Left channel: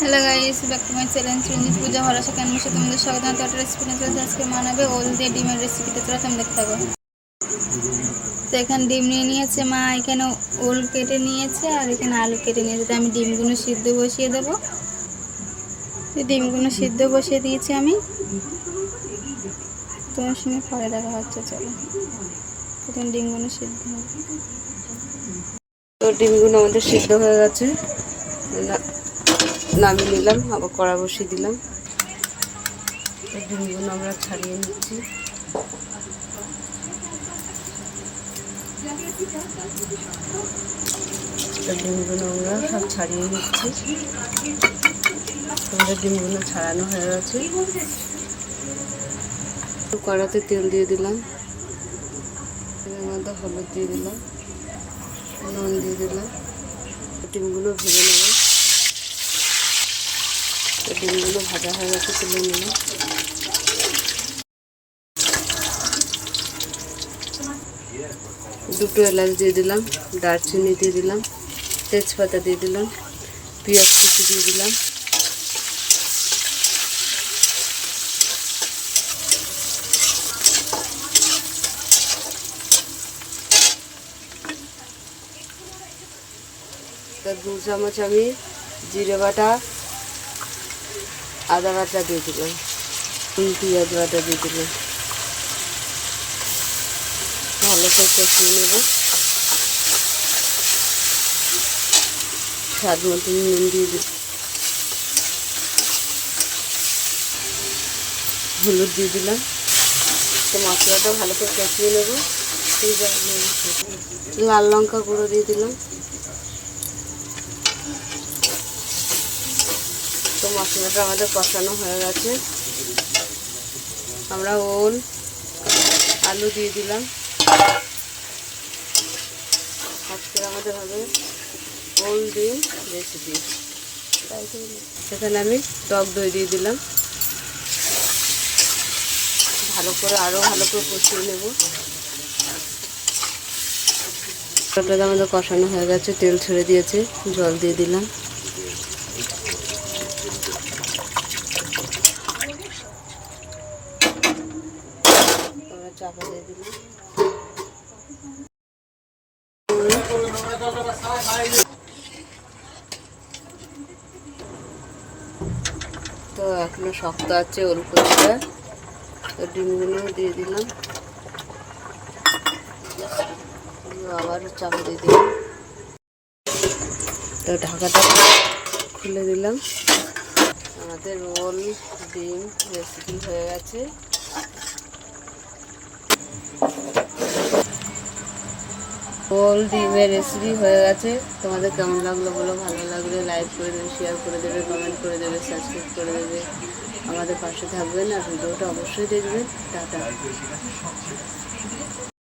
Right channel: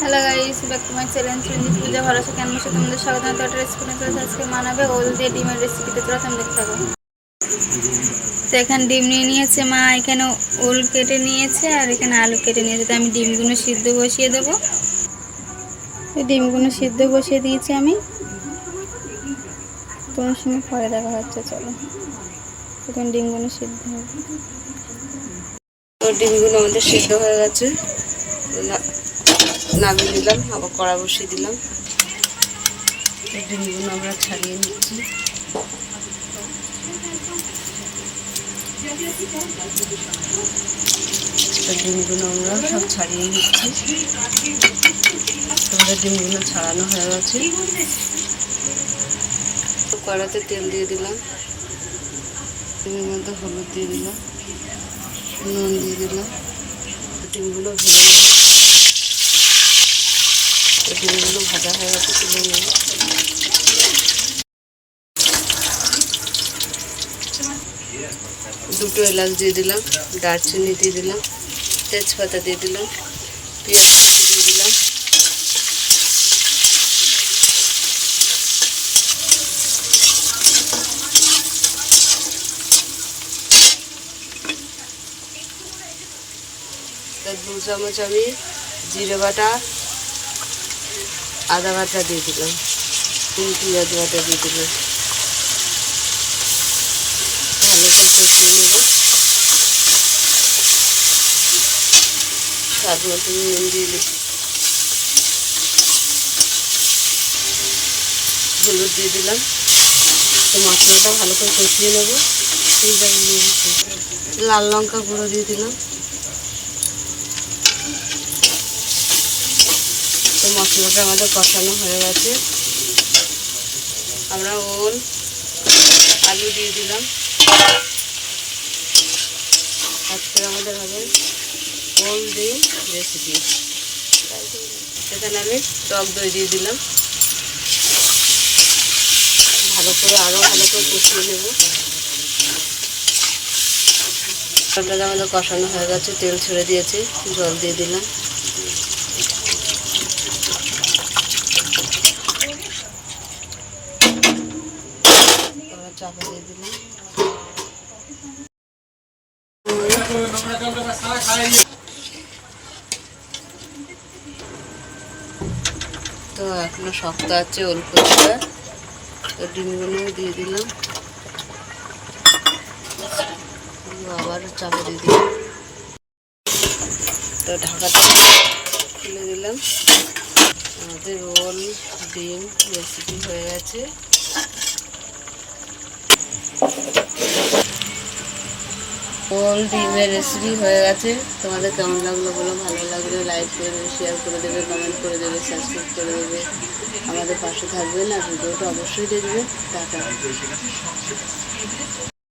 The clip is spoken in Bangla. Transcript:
Hello guys back to my channel Chundi Puja কেমন আছে তোমাদের স্বাগত। একটা রেসিপি নিয়ে আজকে মানাবে ওল দিয়ে ডিমের রেসিপিতে প্রথম দেখতে থাকো। তো এখানে ডিম নিয়ে নিয়েছে মা, এখানে ওল কেটে নিয়েছে, আর এখানে আলু কেটে নিয়েছে। তো আমি ডিমগুলো সিদ্ধ বসিয়ে দেবো। ডিমগুলো সিদ্ধ বসিয়ে দিয়েছি আমি। তোমার সঙ্গে পরে দেখা হচ্ছে, চলো। এখন ডিমগুলো সিদ্ধ হবে। ডিমগুলো আমাদের সিদ্ধ হয়ে গেছে। নামিয়ে দিলাম আবার কড়া বসিয়ে দিলাম। ডিমগুলো আমরা ছাড়িয়ে নিচ্ছি। ডিমগুলো আমরা সব ছাড়িয়ে নিচ্ছি। আমাদের ডিমগুলো ছাড়ানো হয়ে গেছে। কড়াতে তেল দিয়ে দিলাম। মধ্যে হলুদ দিয়ে দিলাম। নুন দিয়ে দিলাম। ডিমগুলো ভেজে ডিমগুলো ভাজা হয়ে গেছে তুলে দুটো এলাচ দিয়ে দিলাম, দারচিনি দিয়ে দিলাম, তেজপাতা দিয়ে দিলাম, পেঁয়াজ কুচি দিয়ে দিলাম। দু চামচ আমি জিরে বাটা আদা বাটা দিয়ে দিলাম। তিন পেঁয়াজ বাটা দিয়ে দিলাম। ভালো করে কষিয়ে নেব। স্বাদ মতো নুন দিয়ে দিই হলুদ দিয়ে দিলাম। তো মশলাটা ভালো করে কষিয়ে নেব। লাল লঙ্কা গুঁড়ো দিয়ে দিলাম। তো মশলাটা আমাদের কষানো হয়ে গেছে। আমরা ওল আলু দিয়ে দিলাম। আজকে আমাদের হবে ওল ডিম রেসিপি সেখানে আমি টক দই দিয়ে দিলাম। ভালো করে আরও ভালো করে কষিয়ে নেব। আমাদের কষানো হয়ে গেছে, তেল ছেড়ে দিয়েছে, জল দিয়ে দিলাম। দিয়ে দিলাম তো এখনও শক্ত আছে ওলকপিটা তো ডিমগুলো দিয়ে দিলাম। আবার চাপা দিয়ে দিলাম। তো ঢাকাটা খুলে দিলাম। আমাদের রোল, ডিম রেসিপি হয়ে গেছে। রোল ডিমের রেসিপি হয়ে গেছে। তোমাদের কেমন লাগল বলো? ভালো লাগলে লাইক করে দেবে শেয়ার করে দেবে কমেন্ট করে দেবে সাবস্ক্রাইব করে দেবে। আমাদের পাশে থাকবেন আর ভিডিওটা অবশ্যই দেখবে টাটা।